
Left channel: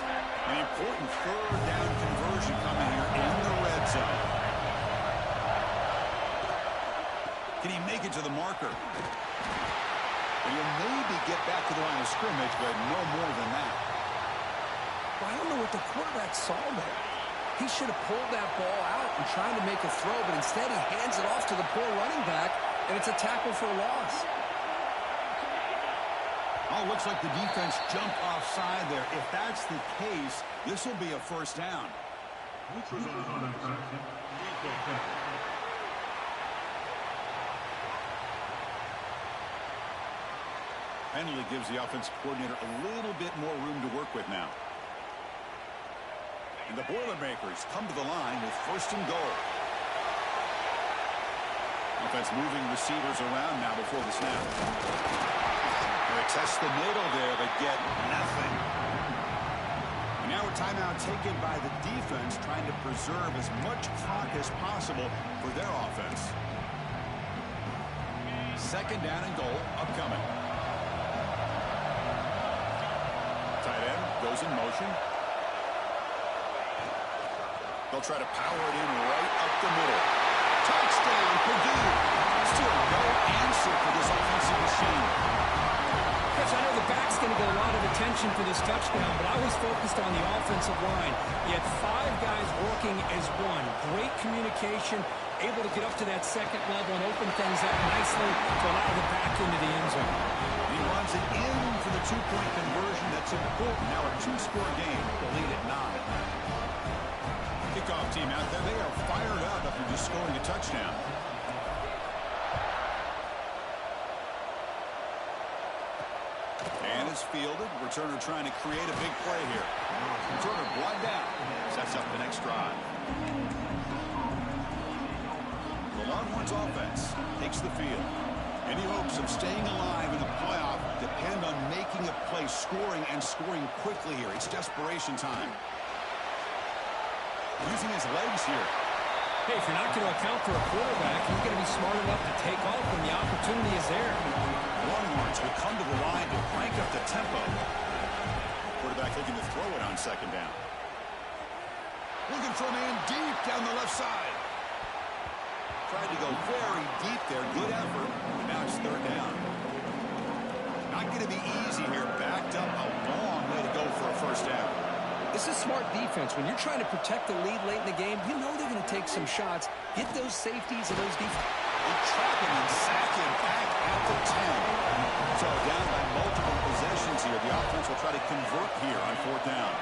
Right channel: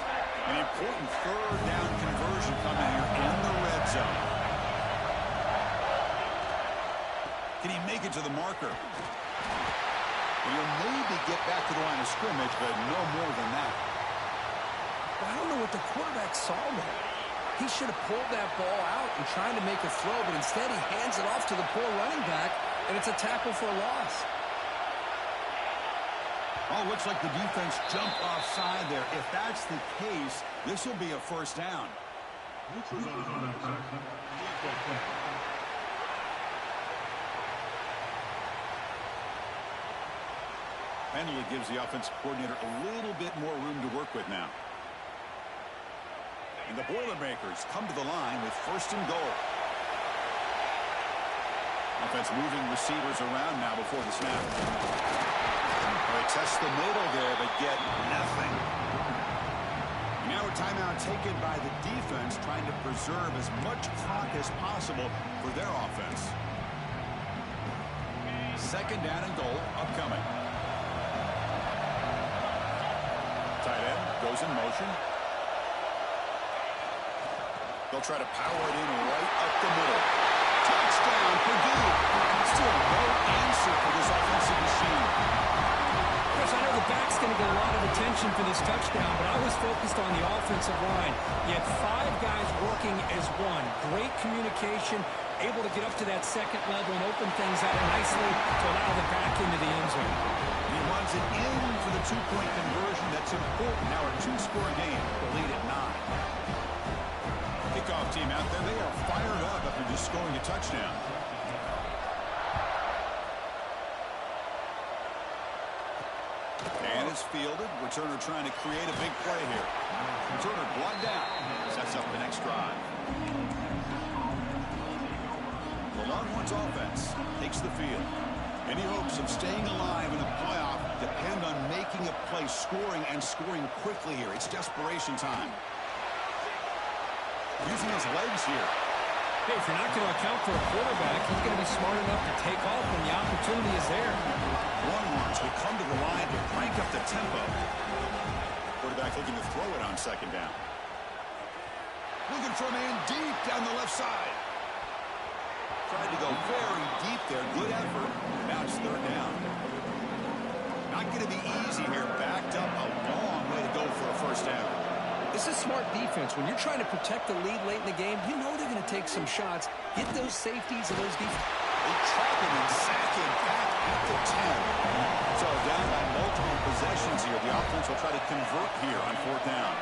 An important 3rd down conversion coming here in the red zone. Can he make it to the marker? And he'll maybe get back to the line of scrimmage, but no more than that. Well, I don't know what the quarterback saw there. He should have pulled that ball out and tried to make a throw, but instead he hands it off to the poor running back, and it's a tackle for a loss. Oh, looks like the defense jumped offside there. If that's the case, this will be a first down. Penalty gives the offensive coordinator a little bit more room to work with now. And the Boilermakers come to the line with first and goal. Offense moving receivers around now before the snap. They test the middle there, but get nothing. And now a timeout taken by the defense, trying to preserve as much clock as possible for their offense. Second down and goal upcoming. Tight end goes in motion. They'll try to power it in right up the middle. Touchdown, Purdue. Still no answer for this offensive machine. Chris, I know the back's going to get a lot of attention for this touchdown, but I was focused on the offensive line. You had 5 guys working as one. Great communication, able to get up to that second level and open things up nicely to allow the back into the end zone. And he runs it in for the 2-point conversion. That's important. Now a 2-score game. The lead at 9. Kickoff team out there. They are fired up after just scoring a touchdown. And it's fielded. Returner trying to create a big play here. Returner brought down. Sets up the next drive. The Longhorns offense takes the field. Any hopes of staying alive in the playoff depend on making a play, scoring, and scoring quickly here. It's desperation time. Using his legs here. Hey, if you're not going to account for a quarterback, he's going to be smart enough to take off when the opportunity is there. Longhorns will come to the line to crank up the tempo. Quarterback looking to throw it on second down. Looking for a man deep down the left side. Tried to go very deep there. Good effort. But now it's third down. Not going to be easy here. Backed up a long way to go for a first down. This is smart defense. When you're trying to protect the lead late in the game, you know they're going to take some shots. Get those safeties and those defense. They trap him and sack him back at the 10. So down by multiple possessions here. The offense will try to convert here on fourth down.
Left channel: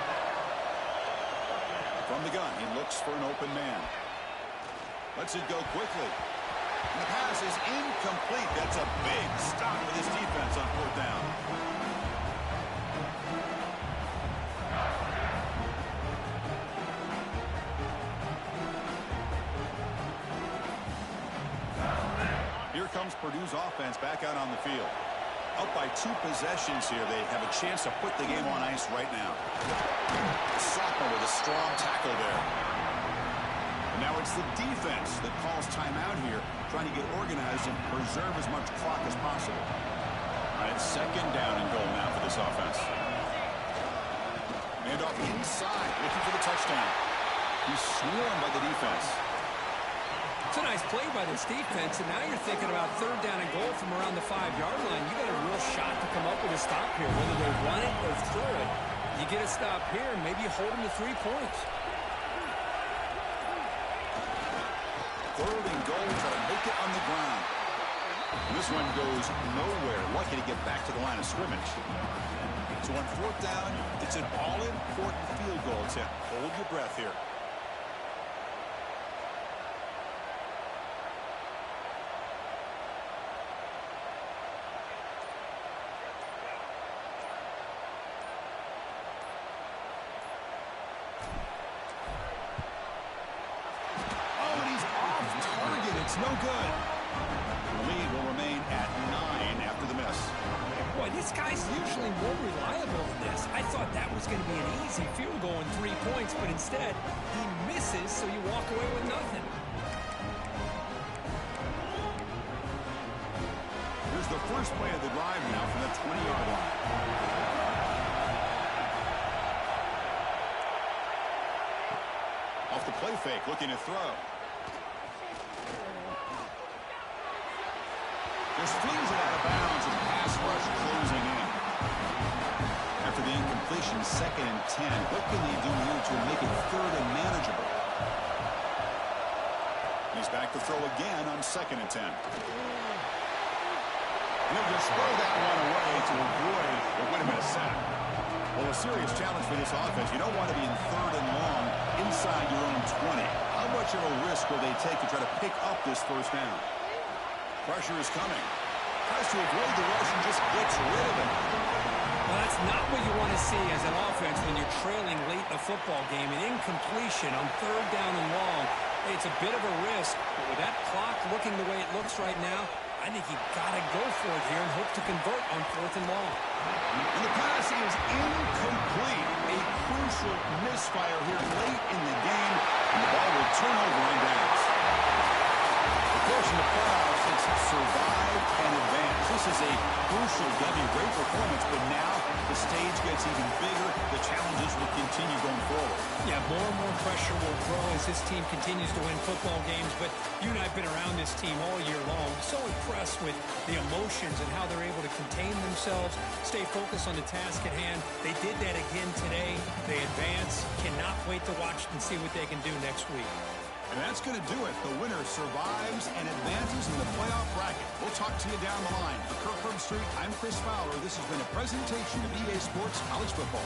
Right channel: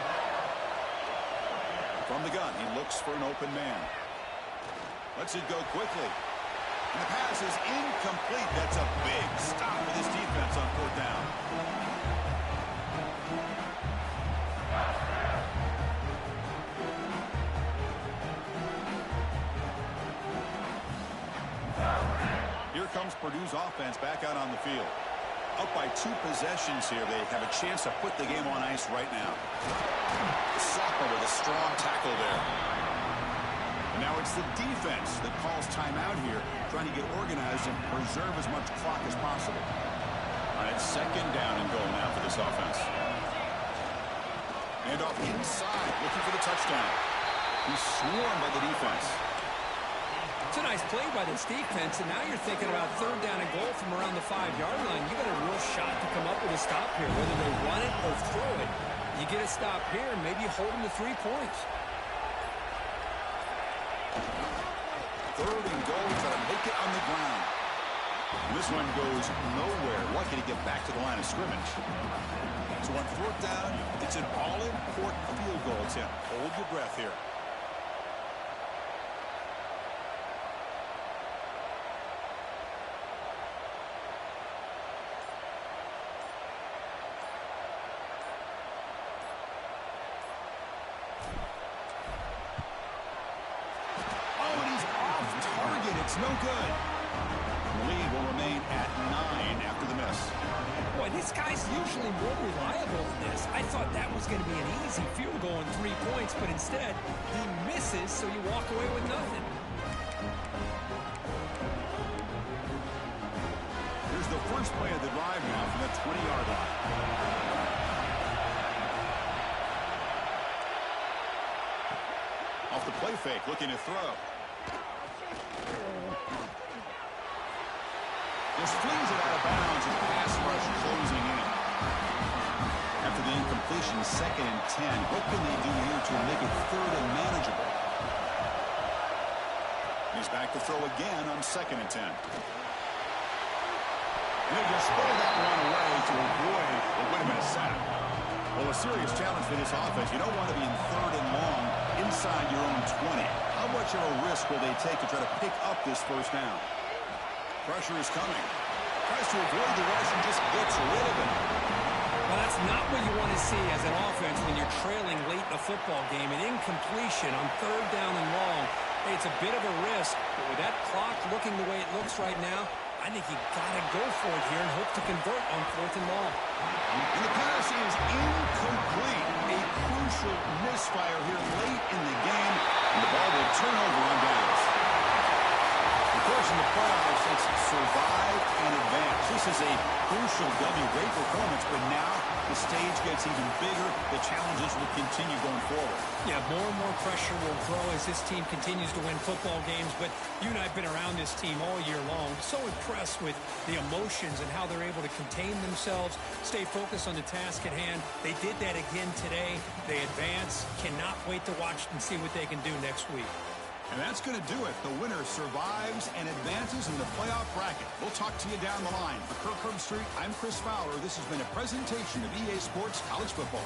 From the gun, he looks for an open man. Lets it go quickly. And the pass is incomplete. That's a big stop for this defense on fourth down. Here comes Purdue's offense back out on the field. Up by 2 possessions here. They have a chance to put the game on ice right now. The sophomore with a strong tackle there. And now it's the defense that calls timeout here, trying to get organized and preserve as much clock as possible. All right, second down and goal now for this offense. And off inside, looking for the touchdown. He's swarmed by the defense. It's a nice play by this defense, and now you're thinking about third down and goal from around the 5-yard line. You got a real shot to come up with a stop here, whether they run it or throw it. You get a stop here, and maybe you hold them to 3 points. Third and goal, try to make it on the ground. And this one goes nowhere. Lucky to get back to the line of scrimmage. So on fourth down, it's an all-important field goal attempt. Hold your breath here. It's no good. The lead will remain at 9 after the miss. Boy, this guy's usually more reliable than this. I thought that was going to be an easy field goal in 3 points, but instead, he misses, so you walk away with nothing. Here's the first play of the drive now from the 20-yard line. Off the play fake, looking to throw. Just flings it out of bounds with pass rush closing in. After the incompletion, 2nd and 10. What can they do here to make it third and manageable? He's back to throw again on 2nd and 10. He'll just throw that one away to avoid what would have been a sack. Well, a serious challenge for this offense. You don't want to be in 3rd and long inside your own 20. How much of a risk will they take to try to pick up this first down? Pressure is coming. Tries to avoid the rush and just gets rid of it. Well, that's not what you want to see as an offense when you're trailing late in a football game. An incompletion on 3rd down and long. Hey, it's a bit of a risk, but with that clock looking the way it looks right now, I think you've got to go for it here and hope to convert on 4th and long. And the pass is incomplete. A crucial misfire here late in the game, and the ball will turn over on downs. Of course, in the playoffs, it's survive and advance. This is a crucial W. Great performance, but now the stage gets even bigger. The challenges will continue going forward. Yeah, more and more pressure will grow as this team continues to win football games, but you and I have been around this team all year long. So impressed with the emotions and how they're able to contain themselves, stay focused on the task at hand. They did that again today. They advance. Cannot wait to watch and see what they can do next week. And that's going to do it. The winner survives and advances in the playoff bracket. We'll talk to you down the line. For Kirk Herbstreit, I'm Chris Fowler. This has been a presentation of EA Sports College Football.